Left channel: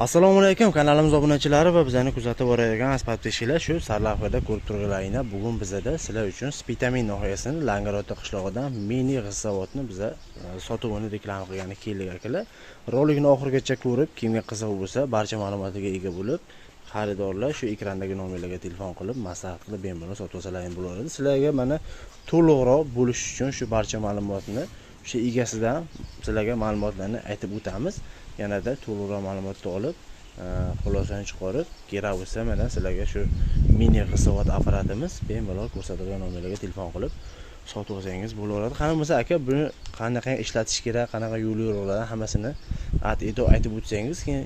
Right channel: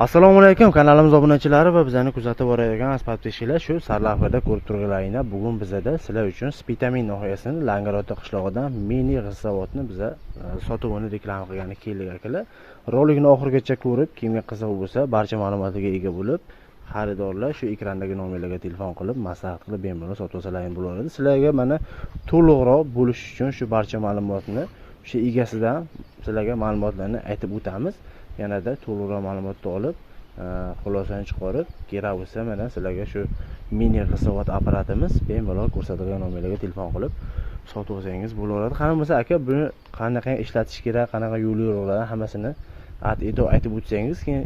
Assalomu alaykum, kanalimiz obunachilari va bizani kuzatib borayotgan asfaltpeshilar shu sarlavhada ko'rib turganlaringlar. Bugun bizada sizlar uchun Spitamin noyasini Langarota qishlog'idan mini g'issavodni biza sotuvini deklar qilgani keldik akalar. Rolikni oxirigacha ko'rib, kimga qiziq bo'lsa, barcha ma'lumotlarga ega bo'lib, xaridorlar shu ekrandagi nomerlarga telefon qilib, maslahat qilib bemalol sotib olsalaring bo'laveradi. Sizlarga mana to'liqroq bo'lish uchun shu barcha ma'lumotni shu egasidan sizlarga ma'lumotlarni aytib o'tamiz. Yanada to'liqroq ma'lumotni olib, xulosani chiqarib, kerak bo'lsa mana sizlarga shu mini g'isavod apparatimiz bemalol ko'rsatilgan nomerlarga telefon qilib sotib olsangiz bo'laveradi. Qani bo'lsa aka, buni qanaqa ishlatish kerak, qanaqa yo'l yo'riqlarni hammasini aytib o'tsangiz, keyin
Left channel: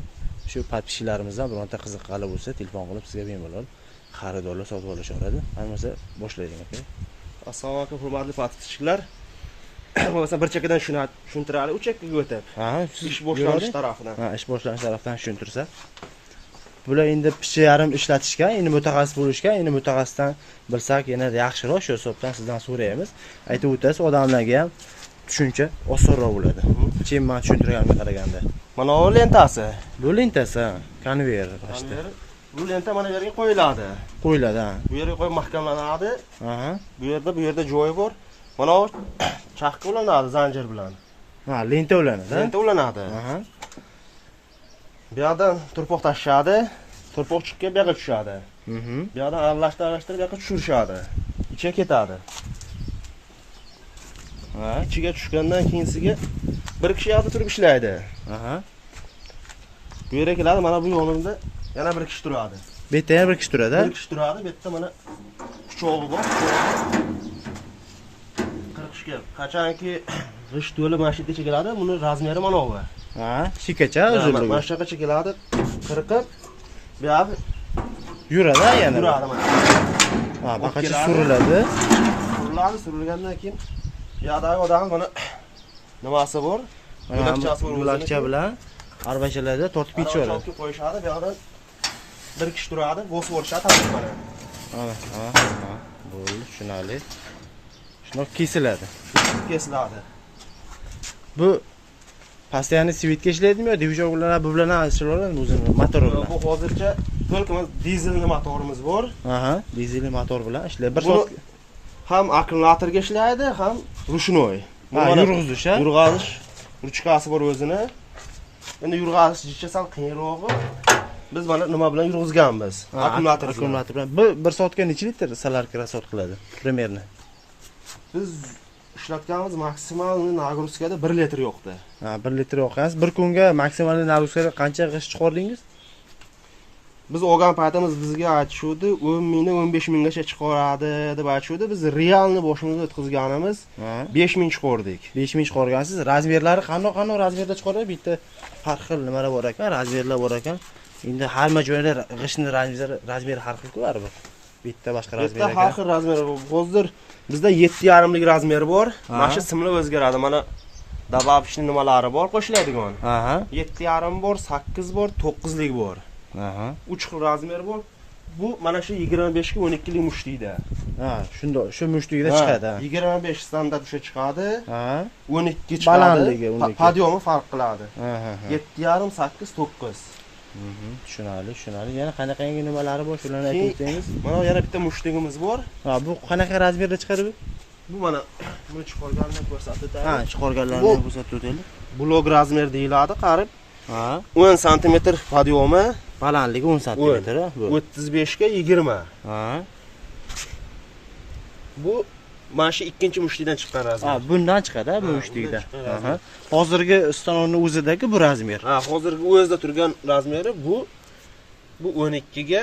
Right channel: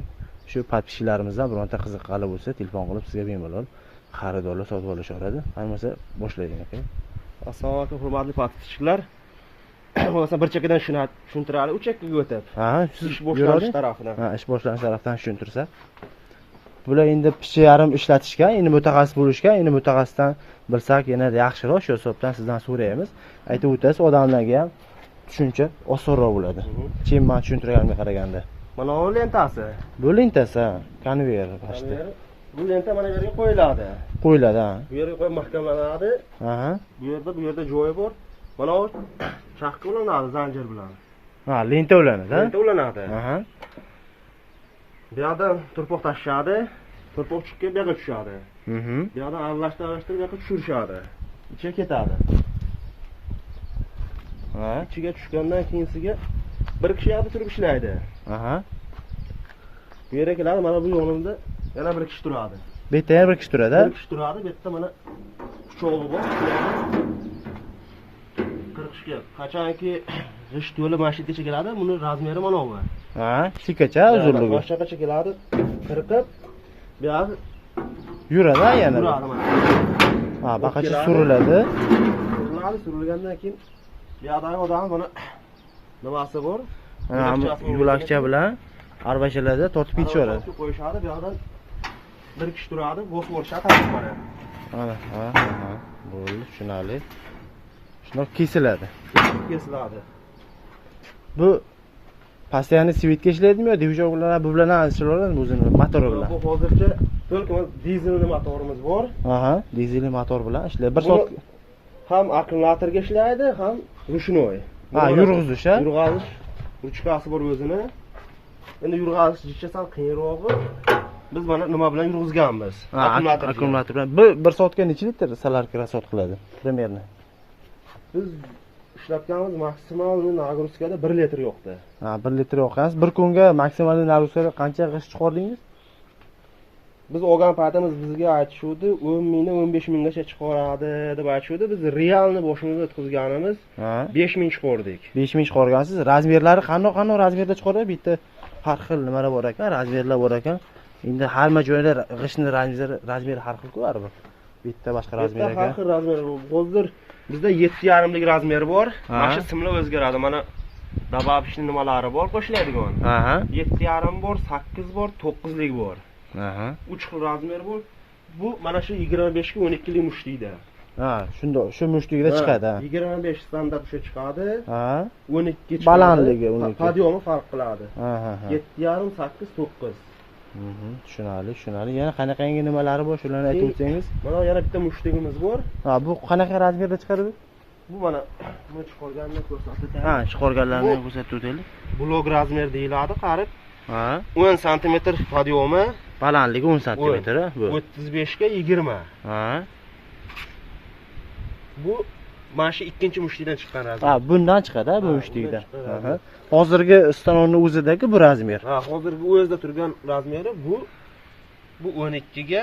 shu podpischilarimizdan bironta qiziqqani bo'lsa telefon qilib sizga bemalol xaridorlar sotib olishaveradi. Qani bo'lsa boshlaylik aka. Assalomu alaykum hurmatli podpischilar. Bo'lsa bir chekkadan tushuntiraylik, u chekkaga o'tib. Ha, ish boshlanish tarafidan. Ha, ish boshlanish tarafidan tushuntirsa. Bular endi picha yarim ishlatishgan, endi mutaxassis bo'lishgan, endi mutaxassisdan bilsak yanada yaxshiroq, shu hisobdan sizdan so'raymiz. Aytib o'tasiz, odamlarga ham tushuncha osonroq bo'ladi. Keyin men tushuntirganimga qaraganda. Mana bu lentasi. Bu lentasi, konveyer qashti. Bu lenta mana bu yerga qo'yiladi. Qo'yiladi, ha. Bu yerga qo'yib mahkamlanadi. Aha. Bu yerda joyi bor. Mana bu chaqqa ulanadi zanjir bilan. Ha, lenta ulanadi, ha? Lenta ulanadi. Aha. Bu yerdan turpoq tashishadi. Turpoq chiqib bu yerga tushadi. Bu yerdan aralashtirib bu yerga tushirishadi. Ichiga ketadi. Ha, ichiga tushgandan keyinsiga bir kishi yerda turib ishlaydi. Aha. Bu yerga keladi, mana bu yonimda yana bir kishi turadi. Bu yerda yana bir kishi turadi, ha? Bir kishi turadi, bu yerda mana pichog'i bor. Qachonki g'isht to'lib mana shu yergacha keladi, buni razmeri mana bu. Ha, shikacha uzunligi. Mana shu yergacha keladi, qirqib, bu yoq Yuradi yana. yuradi mana. Ha, baqacha suriladi. Surilgandan keyin bu yoqdagi odam buni nimasi bor? Mana yo'lakcha bilan arbashalarda tortib ketishadi. Qo'yishadi, bu yoqdan bir kishi turadi, bo's o'rishadi mana. Ha. Bo'ldi, tushunali. Shundoq kesiladi. Kesiladi. Bu постоянно svetga ishlaydimi yo dvijok bilan bu bilan ishlayapti o'zini motori bilan? Bu hozircha только dizelli motorimiz bor. Aha, dizelli motor bilan ishlaydi. Bir soat ham akkumulyatorga ishlaydi, ham rushnoy. Ha, yurg'izish, ha? Yurg'izish ruchkasi bor o'zini. Endi yurg'izish sal qiyinrog'i. Biz mana nima bilan yurg'izganmiz? Akkumulyator bilan. Bu bir soatga necha litr solarka rasot qiladi? Примерно. Biz ishlatganimiz maksimal nagruskada 1 litr yo'qdi. Ha, 1 litr yo'qasiz. Bir kunga maksimal nagruskada qancha g'isht chiqardingiz? Biz olgan paytimiz bizga aytishdi, 10 mingdan 15 minggacha chiqaradi deb aytishdi. Biz realni boshimizga o'tkazganimiz 5 ming chiqardik. 5 ming chiqargansiz. Razmerlari qanday razmerda chiqaradi? Bitta har xil nimalar bor ekan, razmerlar bor ekan. Endi hamma joyda g'ishtning razmeri har xil-ku baribir. Bitta boshqa razmer ekan. Har xil razmer bor. Hozir bizda 7,5 lik razmer bor. Mana shu simlar o'zgaradi. Mana dababishning nimalari bor, qo'shiladigan. Aha. 7,5 bor, 8 bor, 9 lik bor. Aha. 3 xil razmer bor. Bu mana shu 25 ga 12 lik mushtiyda. Ha, shunda shu mushtiyda chiqadi, ha. 25 standart o'sha chiqadi. Ha. 12 chiqadi. Balandligi 12. Podyomi farq qiladi. Ha. 7,5, 8, 9. Tushunali. Yana qanaqa yangi nimalari bor, shularni aytib o'tsangiz. Mana yana bitta mushtigimiz bor. Ha, bu qanaqa razmerda chiqadi bu? Bu mana nima chiqarganini ko'rsatib o'tadi. Ha, chiqarganlarni ko'rsatib o'taylik. Blok razmer deyiladi, qarib. Ha. 10 sm podyomi, balandligi 10 sm bu. 35 ga 20. Ha. Bu mana shu ikkinchi mushtidan chiqqan razmer. Ha, bundan chiqadi, bu mushtidan. Aha. Hozirgi stanokning o'zidagi bu razmer. Ha, hozirgi o'zida turgan razmeri bu 12 ga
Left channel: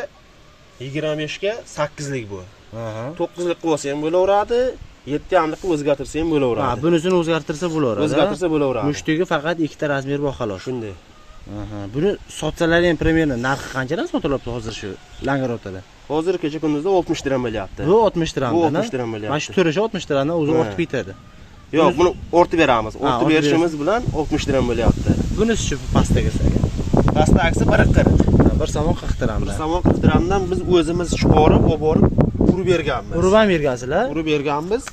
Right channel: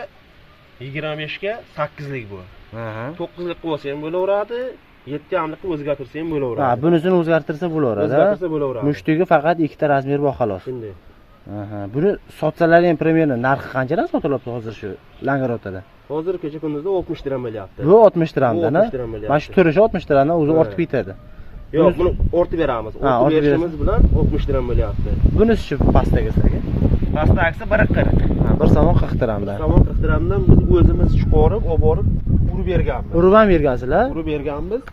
25 ga 8 lik bu. Aha. 9 lik bo'lsa ham bo'laveradi, 7,5 lik o'zgartirsa ham bo'laveradi. Ha, bunisini o'zgartirsa bo'laveradi. O'zgartirsa bo'laveradi. Mushtiga faqat ikkita razmer bor xolos. Shunday. Aha. Buni sotsalar ham примерно narxi qanchadan sotilyapti hozir shu Langarotada? Hozir kecha kunduzda 60 dirham bo'lyapti. Bu 60 dirhamdan, ha? 60 dirham bo'lyapti. Mana shu turishi 60 dirhamdan o'zi ortib ketadi. Yo'q, buni o'rtib beramiz. O'rtib berishimiz bilan 60 dirham bo'lyapti. Bunisi-chi pastaga saga? Pasta aksi 40. Ha, bir somon 40 dirhamdan. Bir somon 40 dirhamdan biz o'zimiz chiqarib, olib borib urib berganmiz. Urib ham bergansizlar? Urib berganmiz.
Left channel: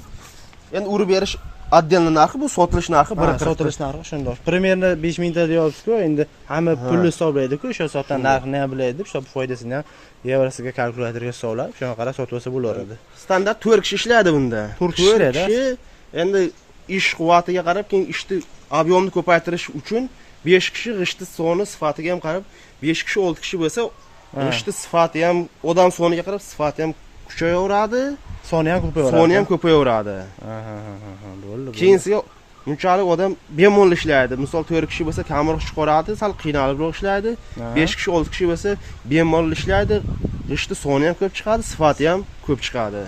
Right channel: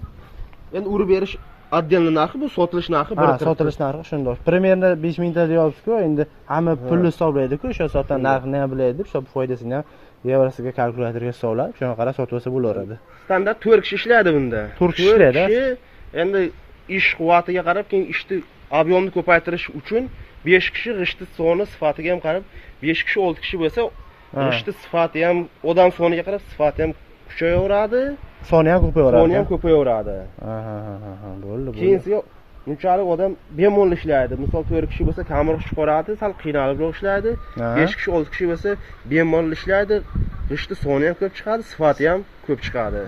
Endi urib berish отдельно narxi, bu sotilish narxi. Sotilish narxi shundoq. Primerni 5 mingta deyapsiz-ku, endi hamma pulni hisoblaydi-ku, o'sha hisobdan narxini ham biladi deb, hisob foydasini ham yevrosiga kalkulyatorga hisoblab, shunga qarab sotib olsa bo'laveradi. Standart 4 kishi ishlaydi bunda. 4 kishi ishlaydi. Endi ish quvvatiga qarab, keyin ishni ob'yomni ko'paytirish uchun 5 kishi g'ishti soni sifatiga ham qarab, 5 kishi 6 kishi bo'lsa, g'ishti sifati ham odam soniga qarab sifati ham kuchayaveradi. Soni ham ko'payaveradi. Soni ham ko'payaveradi. Bo'ldi. Keyinsiga bunchalik odam bemalol ishlaydi. Misol 4 kishi bo'lsa kamroq chiqaradi, sal qiynalibroq ishlaydi. 5 kishi 6 kishi bo'lsa bemalol ishlaydi. G'ishti soni ham ko'p chiqadi, sifati ham ko'p chiqadi.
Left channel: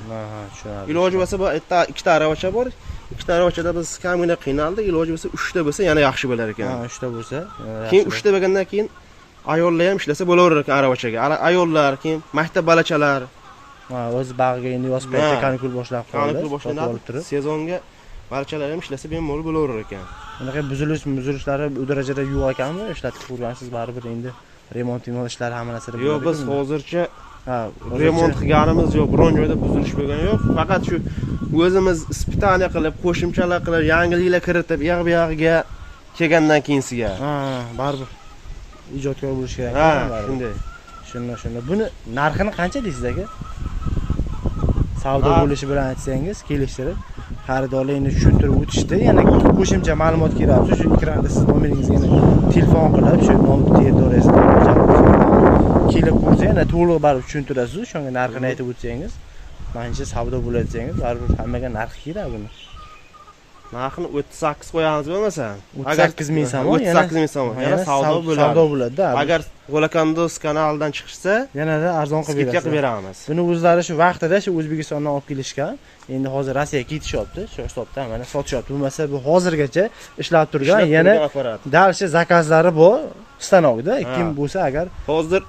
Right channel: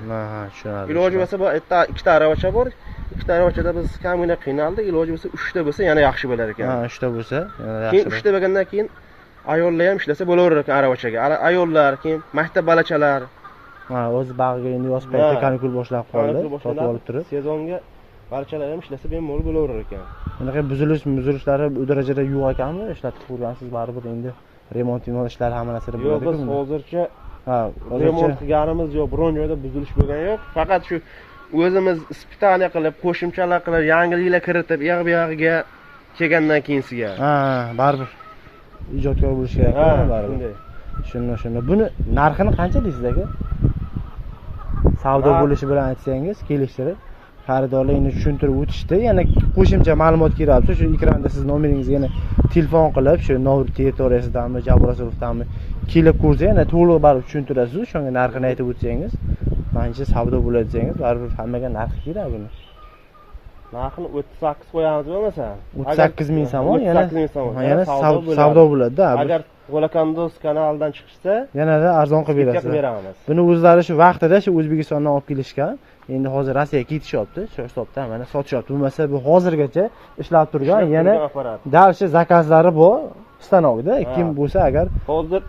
Tushunarli. Iloji bo'lsa bu yerda ikkita aravacha bor. Ikkita aravachada biz kamgina qiynaldik. Iloji bo'lsa 3 ta bo'lsa yana yaxshi bo'lar ekan. 3 ta bo'lsa yana yaxshi. Keyin 3 ta bo'lgandan keyin ayollar ham ishlasa bo'laverar ekan aravachaga. Ayollar, keyin maktab balachalar o'z bag'iga endi yoz payti kanikul boshlab qoldi. Sotib olib turib. Sezonga balachalar ham ishlasa bemalol bo'laverar ekan. Bunaqa buzilishlari u darajada yo'q ekanmi? Ishlatib ko'rgansiz baribir endi remont ishlari hamma narsada bo'ladi. Yo'q, biz hozircha remont qilganimiz yo'q, biron joyda buzilish bo'lgani yo'q. Faqat shu o'zimiz ispitaniya qilib, qo'shimchalar qilib, yangiliklar kiritib, yog'iga kelgandan keyinsiga. Baribir ijodkor bo'lish kerak baribir. Shunday. Buni narxini qancha deysiz aka? Savdo bo'lishi bilan aytsangiz, kelishtirib xaridorlar endi tushuntirib o'tishdi. Yana qo'shimcha ma'lumot keraksa, shu ekranda siz nomeringizni yana telefon qilib, shu Novut territoriyasidan kelib ko'rsa, yana to'liq baribir tushuntirasiz. Shunga narxini aytib o'tsangiz, menimcha savdo bo'ladi desangiz, baribir hammaga narxi kerak buni. Narxini 38 qo'yamiz bo'lmasa, 38 ming so'm, yana 38 ming so'm. Yana savdo bo'ladi-da. Agar G'olakandos kanalidan chiqishsa, yanada arzon qilib beramiz. Buni o'zlari shu vaqtida shu O'zbekistondan olib kelishgan. Endi hozir Rossiyaga ketishyapti. Shu hisobda mana sotishyapti. Bo'lmasa bu hozirgacha ishlab turgan, yana dalshi zakazlari bor stanokda. Kim bo'lsa agar hozir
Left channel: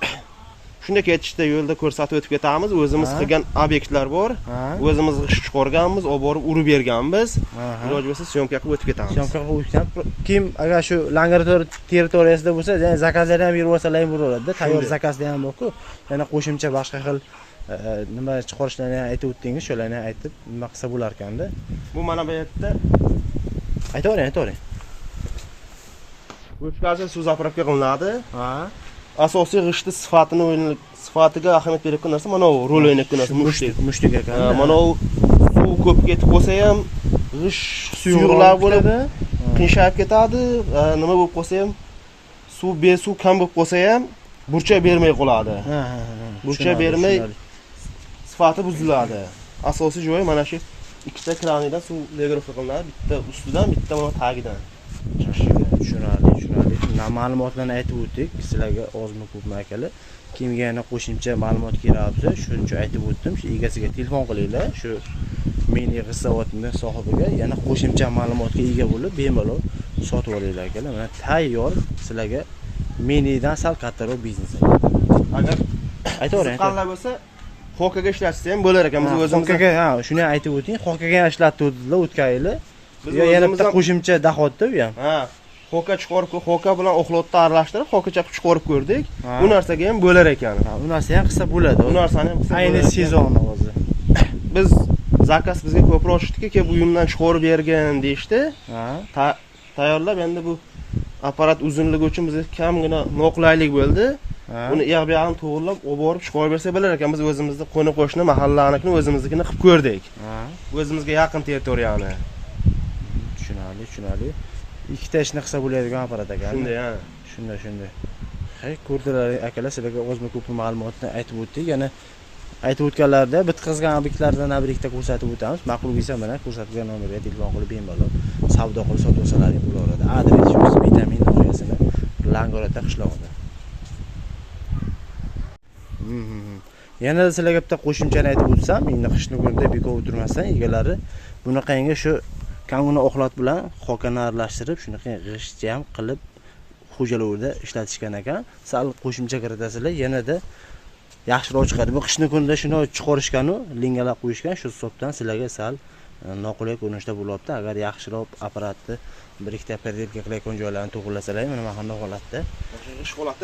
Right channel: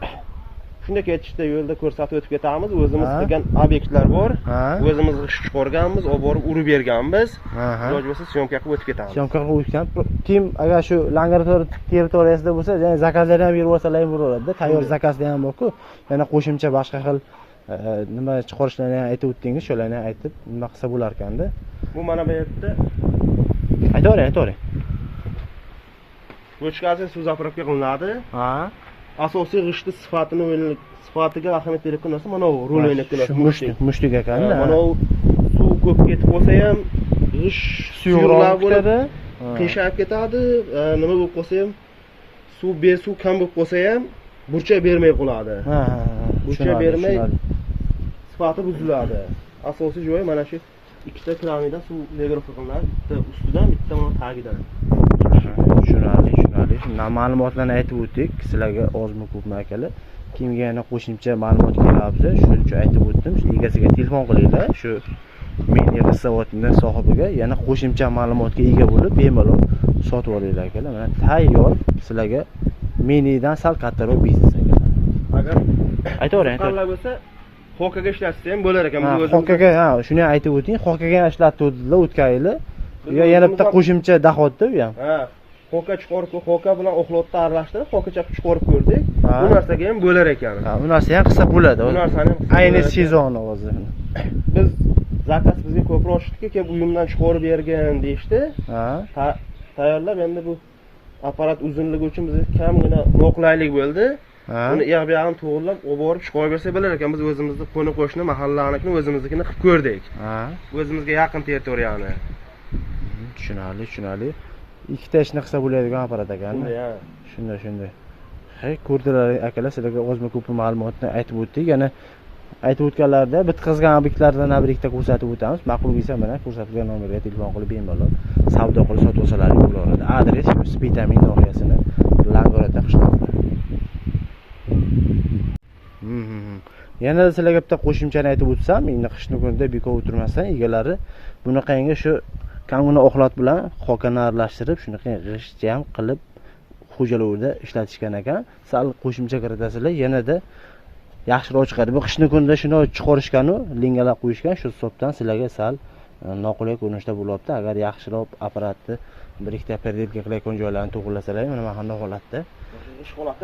shunda ketishda yo'lda ko'rsatib o'tib ketamiz. O'zimiz qilgan obyektlar bor. O'zimiz g'isht chiqarganmiz, olib borib urib berganmiz. Iloji bo'lsa syomka qilib o'tib ketamiz. Syomka qilib o'tib kim agar shu Langarotor territoriyasida bo'lsa, yana zakazlarni ham berib olsalar ham bo'laveradi. Tayyor zakazlar ham bor-ku. Yana qo'shimcha boshqa xil nima chiqarishlarini ham aytib o'tdingiz, shularni aytib nima qilsa bo'lar ekanda. Bu mana bu yerda aytavering. Bochkasi suv zapravka qilinadi. Asosiy g'ishti sifatiga ahamiyat berayotgan narsa mana bu ro'laynikdan narsa, mushtik ekanda. Mana u suv ko'p ketib qolsa ham g'isht suyuqlar bo'ladi, qiyshab ketadi. Nima bo'lib qolsa ham suv kam bo'lib qolsa ham burchak bermay qoladi. Burchak bermay sifati buziladi. Asosiy joyi mana shu ikkita kranidan suv legrofa qilinadi, bitta ustidan, bitta mana tagidan. Tushunarli. Ma'lumotlarni aytib o'tdik. Sizlarga ozmi ko'pmi akalar. Kimga yana qo'shimcha ma'lumot kerak bo'lsa, shuncha aytib o'tdim. Shu egasiga telefon qilinglar. Shu meni hisobotning sohibiga yana qo'shimcha ma'lumotga ega bo'lib, bemalol sotib olinglar akalar. Mana tayyor sizlarga menidan sal kattaroq biznes. Agar aytavering. Qanday bo'lsa, xokaga ishlatsa ham bo'lar ekan. Biz o'zimiz xokaga, shuni aytib o'ting. Xokaga ham ishlattirdilar o'tgan yili. Yana bitta qo'shimcha daxotda u ham. Xoka chiqarib, xoka bilan oxlotni aralashtirib, xokacha qilib chiqarib ko'rdik. Bu narsaga ham bo'lar ekan. Bu narsa ham qilsa bo'ladi. Bu narsani ham qilsa ayni sezon hozir. Biz zakaz bizga ko'proq tushdi-ki, kelib uyimdan chiqarib bergan deyshti. Tayyorlab endi bu apparat uzunligi uchun bizga kamgina noqulaylik bo'ldi. Buni yog'biyani to'g'rilab, olib borib chiqarib bersa bo'lar ekan. Biz o'zimizning qo'ni-qo'shni mahallanikini o'zimiznikini qilib ko'rdik. O'zimizga yaqin territoriyani. Tushunarli. Ikkita ishni qilsa bo'ladigan apparat ekan. Shunday. Ko'rdilar akalar, sizlarga ozmi ko'pmi ma'lumotni aytib o'tdik. Yana aytib o'tganlarda bitkazgan obyektlardan birikda ko'rsatib o'tamiz. Ma'qul bo'lsa mana ko'rsatilgan nomerga telefon qilib bemalol savdo qilib sotib olsalaringiz bo'laveradi. Adres Vitamin nomerasini Langarotor qishlog'ida. Yana sizlarga bitta qo'shimchani aytib o'tsam, endi qishni kunida bekor o'tirmasdan egalari bunaqangi shu kanguna oxlat bilan xokani aralashtirib, shunaqa g'isht ham qilib xo'jalikda ishlatishgan ekan. Sal qo'shimcha kiritasizlar, yanada yaxshiroq chiqadi. Bu qishni kunida shuni chiqarishgan-u, lingalab qo'yishgan, shu hisobdan sizlarga sal noqulay ko'rinishda bo'lyapti. Agar yaxshiroq apparatni bir ikkita perdelka qilayotgan joylarni to'g'rilasalar, mana bunday holatda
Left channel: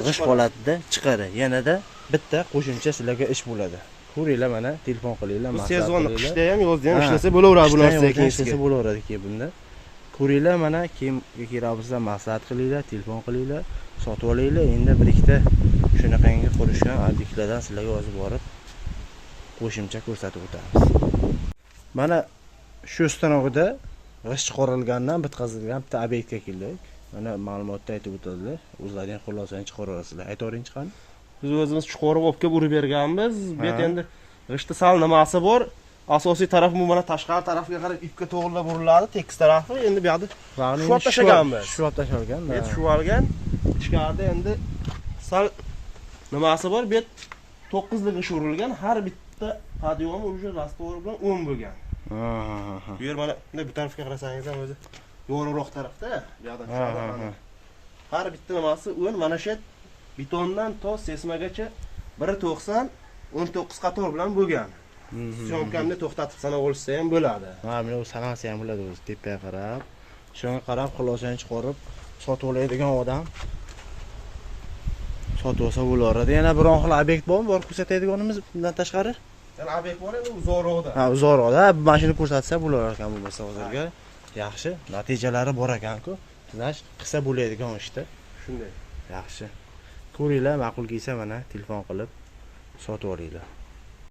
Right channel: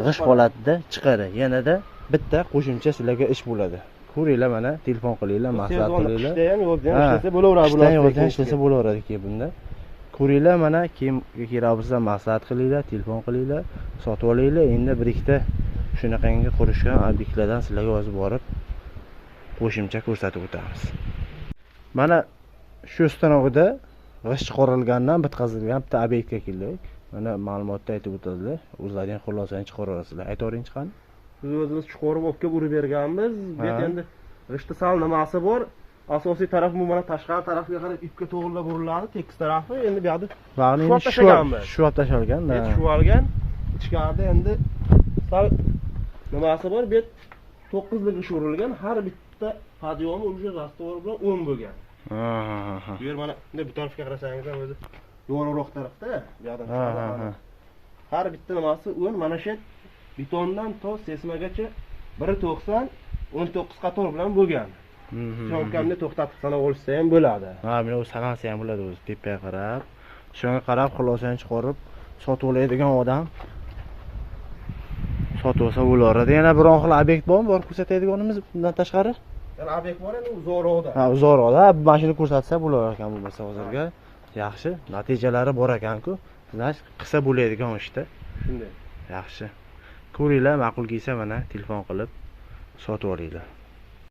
g'isht holatida chiqadi. Yanada bitta qo'shimcha sizlarga ish bo'ladi. ko'ringlar mana, telefon qilinglar, maslahat Sezon qilinglar. qishda ham, yozda ham Ha, ishlasa bo'laveradi bu Qishdan narsa yozdan ishlasa bo'laveradi keyin bunda. Ko'ringlar mana, keyin kerakbolsa maslahat qilinglar, telefon qilinglar, sotib olinglar. Endi bir ikkita shunaqangi qurishgan obyektlardan sizlarga hozir borib qo'shimcha ko'rsatib o'tamiz. Mana shu stanogida g'isht chiqarilgandan bitkazilgan bitta obyektga keldik. Mana ma'lumotda aytib o'tildi. O'zlaring xulosani chiqaraverasizlar. Aytavering chiqani. Biz o'zimiz chiqarib olib kelib urib berganmiz. Bu yerda endi g'ishtda sal nimasi bor. Asosiy taraf bu mana tashqari tarafga qarab ipga to'g'rilab uriladi, tekis tarafi. Endi bu yoqda shuab tashlaganmiz. Shuab tashalgan. Bu yerda shuvalgan. Ichkarida endi sal nimasi bor. Bu yerda 9 lik ish urilgan. Har bitta podiyom уже rastovor bilan 10 bo'lgan. Bu yer mana bu tarafga qarasangiz ham o'zi yo'g'onroq tarafda, bu yoqdan har bitta nimasi 10, mana shu betondan to sesmagacha 1.90 19 qator bilan bo'lgan. Syomkamni to'xtatib sanab olsa ham bo'ladi. Ha, mana u sanasi ham bo'ladi o'zi tepaga qarab. Shunga qarab xulosani chiqarib sotib oladigan odam sotib olsa bo'laveradi. Yana biron xil obyekt bormi? Bor ko'rsatadiganimiz bundan tashqari? Yana obyekt bor endi uzoqroqda. Ha, uzoqroqda. Mana shuni ko'rsatsa bo'lar ekan bo'lmasa hozirga. Yaxshi, natijalari bor ekan-ku. Znash qilsa bo'ladigan ishda. Shunday. Yaxshi. Ko'ringlar, ma'qul kelsa mana telefon qilib sotib olinglar.